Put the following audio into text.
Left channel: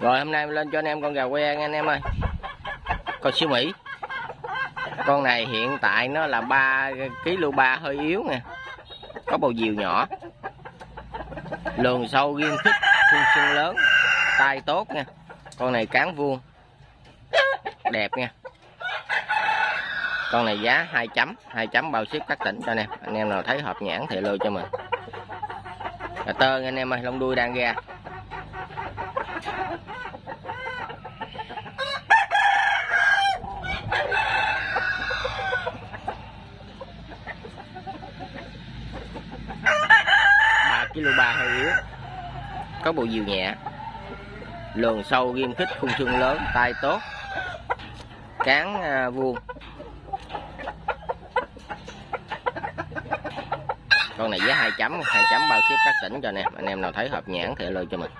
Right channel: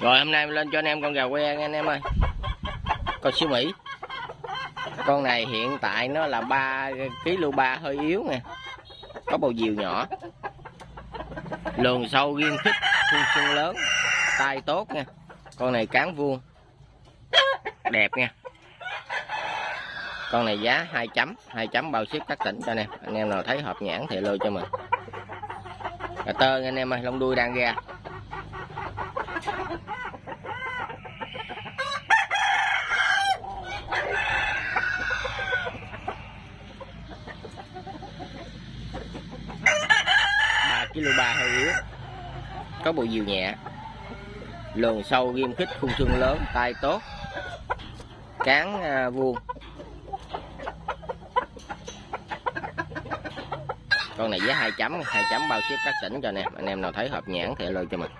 Rồi hôm nay lên cho anh em con gà que nha anh em ơi. Con siêu Mỹ. Con này hiện tại nó là 3 kg hơi yếu nè. Có bầu diều nhỏ. Lườn sâu ghim khít, khuôn xương lớn, tai tốt nha. Con này cán vuông. Đẹp nha. Con này giá 2 chấm bao ship các tỉnh cho anh em. Anh em nào thấy hợp nhãn thì lôi cho mình. Cà tơ anh em ơi, lông đuôi đang ra. Kg 3 hơi yếu, có bộ diều nhẹ, lườn sâu ghim khít, khung xương lớn, tai tốt, cán vuông. Con này giá 2 chấm bao ship các tỉnh cho anh em. Anh em nào thấy hợp nhãn thì lôi cho mình.